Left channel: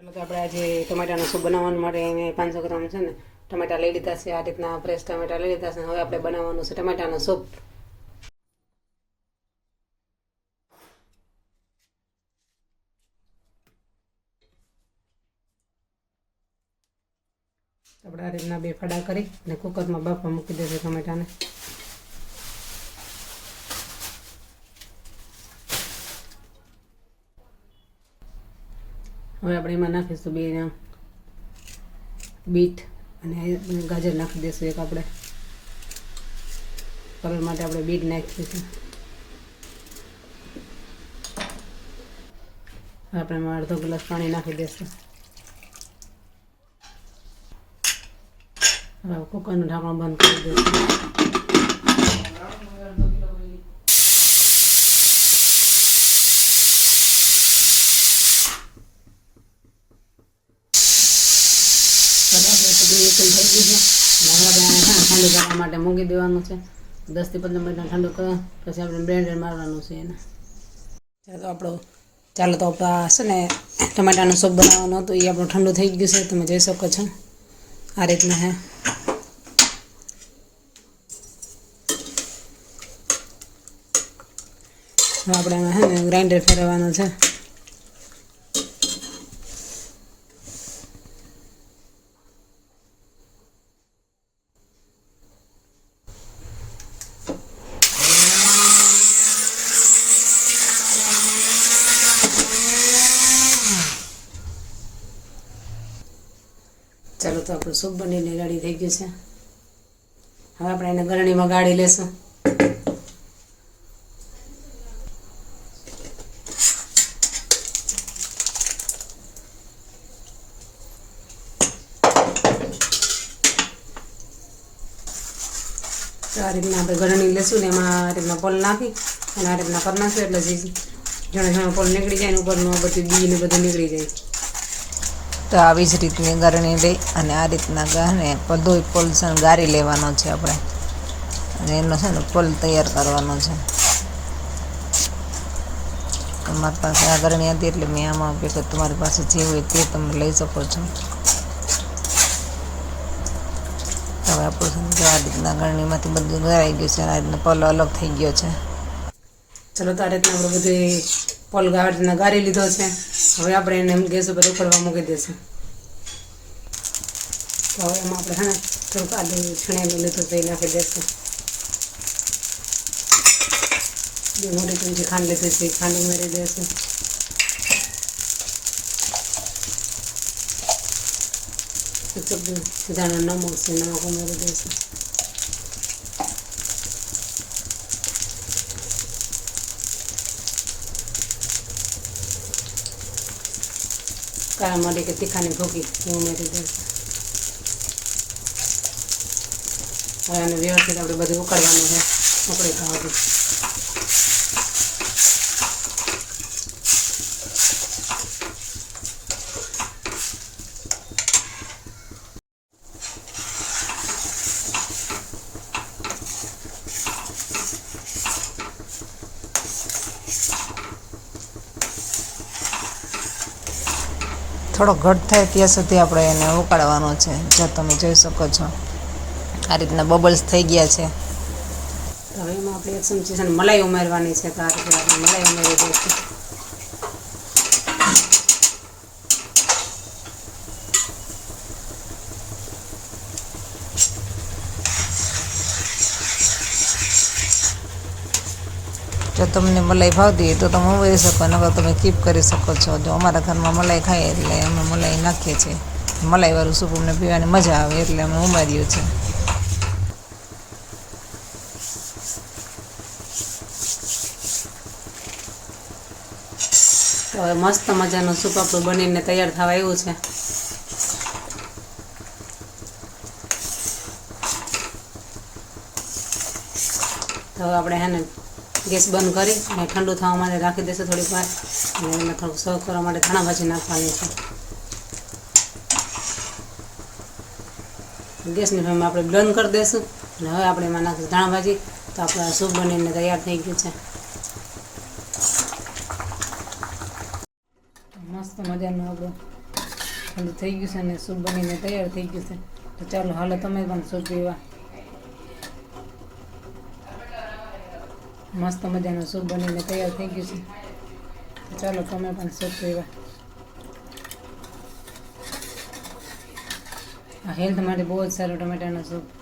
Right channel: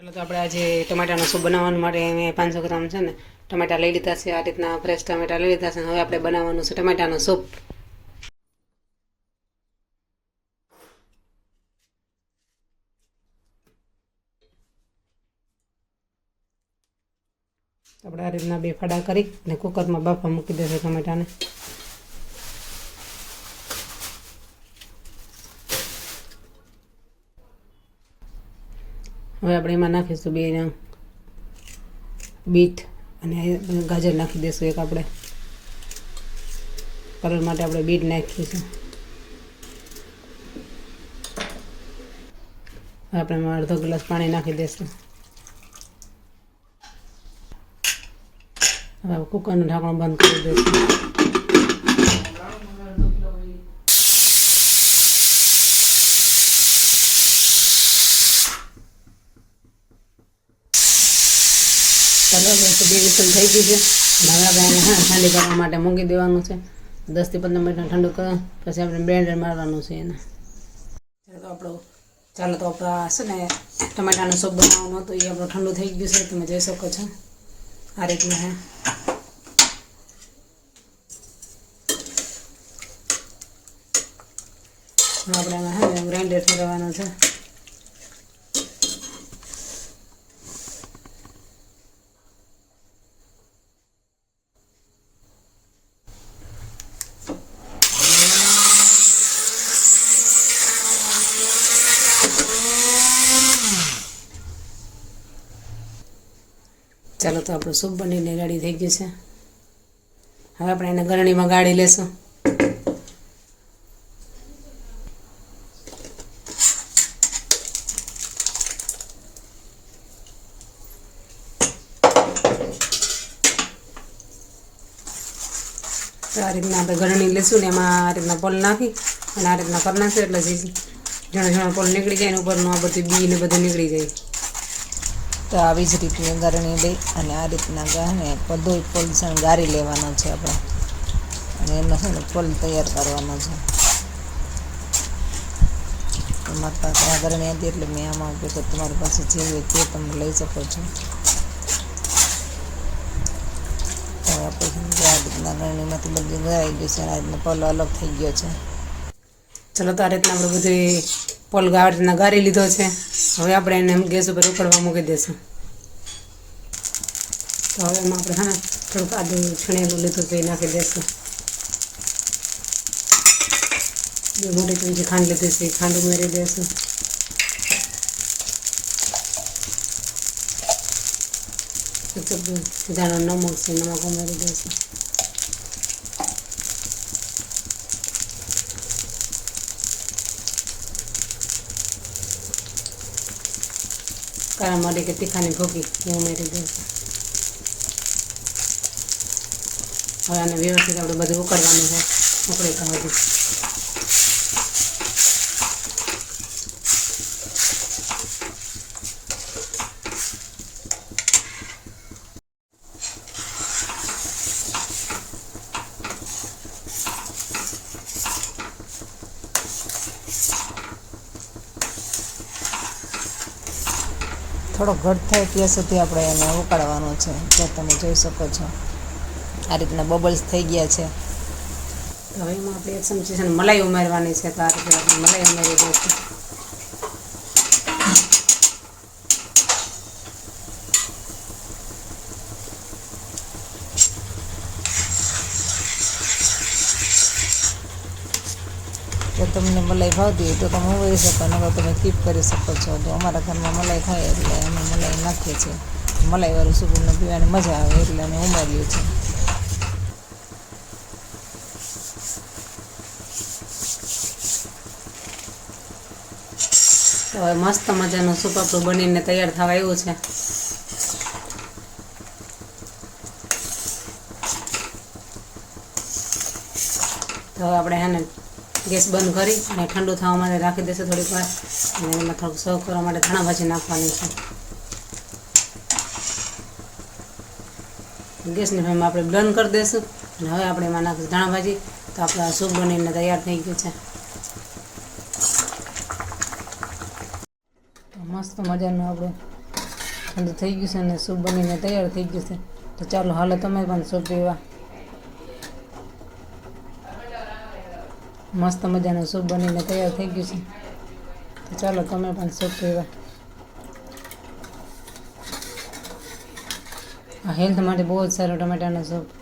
ચાલો તો આપણે આજે ટમેટાનો સૂપ બનાવવા માટે મેં 500 ગ્રામ છે ને ટમેટા લઈ લીધા છે. આ રીતના ફ્રેશ ટમેટા લઈ લીધા છે. હવે આપણે બનાવવાનું છે ટમેટાનો સૂપ. આપણે આ રીતના 2 ફડા કરી અને કુકરમાં બાફવા મૂકી દઈશું ટમેટાને. હવે આપણે એમાં નાખીશું 2 બીટ અને ગાજર નાખી દઈશું. એક આપણે કલર માટે આપણે બીટ નાખીશું. આપણે એમાં અડધો ગ્લાસ પાણી નાખી દઈશું. હવે કુકરનું ઢાંકણું બંધ કરી દઈશું. બે વિસલ થઈ ગઈ છે. હવે આપણે ઠંડી કરવા માટે મૂકી દેવાનું છે. 10 થી 15 મિનિટ ઠંડુ કરો પછી આપણે બ્લેન્ડર મારવાનું છે એને. ચાલો તો આપણા છે ને ટમેટાનો સૂપ બનાવવાનો હતો એ આપણું ઠંડુ થઈ ગયું છે. તમે જોઈ શકો છો આ રીતના હે. હવે આપણે એમાં ગ્રાઇન્ડર ફેરવવાનું છે. ચાલો તો આપણું સૂપ બનીને રેડી થઈ ગયું છે. હવે આપણે એને ગરણીમાં ગાળી લેશું. તો આ રીતના આપણે ગરણી લેશું ને એમાં આ રીતના પલ નાખી અને આ રીતના કરી નાખશું એટલે ઘણા ઘણા પલ નીકળી જાય ને ઉપરનું આ બધું બી ને બધું નીકળી જાય. તો આવી જ રીતની ગરણી લઈ અને આ રીતના ગહને બધોય પોલ છે ગાળી લેવાનો છે આપણે અને એનો છે ને પોલ તૈયાર કરવાનો છે. તમારી પાસે આ ગરણી હતી એટલે મેં આમાં કે તમારી પાસે જે હોય તે તમે લઈ શકો છો. હવે આપણું આ રીતના ગરણીમાંથી બધું ગળાઈ ગયું છે. આ રીતના પોલ અલગ થઈ ગયો છે. ચલો તો આ રીતના આપણે બધું પોલ રીતના ગાળી લીધો છે. હવે આપણે એને ગેસ ઉપર ઉકળવા મૂકી દઈશું. તો હવે એમાં આપણે થોડુંક આદુ છીણેલું લીધું તો એ નાખી દઈશું. 2 મોટી ચમચી ખાંડ લીધી છે ખાંડ ઉમેરી દઈશું. જાણો નમક છે નમક ઉમેરી દઈશું. કાળા મરી કે તીખાની ભૂકી એ ઉમેરી દઈશું. હવે આને વ્યવસ્થિત આપણે બધું ઉકળવાનું છે. ઉકળી તો બધું થોડો ઘટ થાય ત્યાં સુધી આપણે એને ઉકાળવાનો છે. જો તમે જોઈ શકો છો આ રીતના બબલ્સ થઈ ગયા છે. હવે એમાં આપણે 1 ચમચી છે ને મલાઈ ઉમેરવાની છે. તો આ રીતે આપણે મલાઈ ઉમેરી દઈશું. જો તમને મલાઈ ભાવતી હોય તો તમે ઉમેરી શકો, નકર તમે સ્કીપ કરી શકો છો. જો અમારા ઘરમાં મલાઈ ખાઈએ એટલે અમે મલાઈ નાખીએ છીએ. મલાઈવાળું સૂપ અમને પીવાની મજા આવે એટલે અમે ઉમેર્યું છે. તો હવે મસ્ત મજાનું સૂપ આપણું બનીને તૈયાર થવા આવ્યું છે. તો હવે આપણે ગેસ બંધ કરી અને ઠંડુ થવા માટે રાખી દઈશું થોડીક વાર. અને એમાં થોડુંક સર્વ કરવા માટે ધાણા ભાજી નાખવાની છે. ગેસની ફ્લેમ આપણે બંધ કરી દઈશું અને હવે આપણે એમાં નાખીશું ધાણા ભાજી. તો આપણું સૂપ બનીને તૈયાર થઈ ગયું છે. મસ્ત મજાનું આપણું ઠંડુ થઈ ગયું છે અને સૂપ બનીને તૈયાર થઈ ગયું છે. તો ચાલો હાલો તમે પણ સૂપ પીવા. મસ્ત મજાનું સૂપ બનીને તૈયાર થઈ ગયું છે. તો ચાલો તમે પણ સૂપ પીવા. આ હેલ્થ માટે બહુ જ સારું ટમેટાનું સૂપ.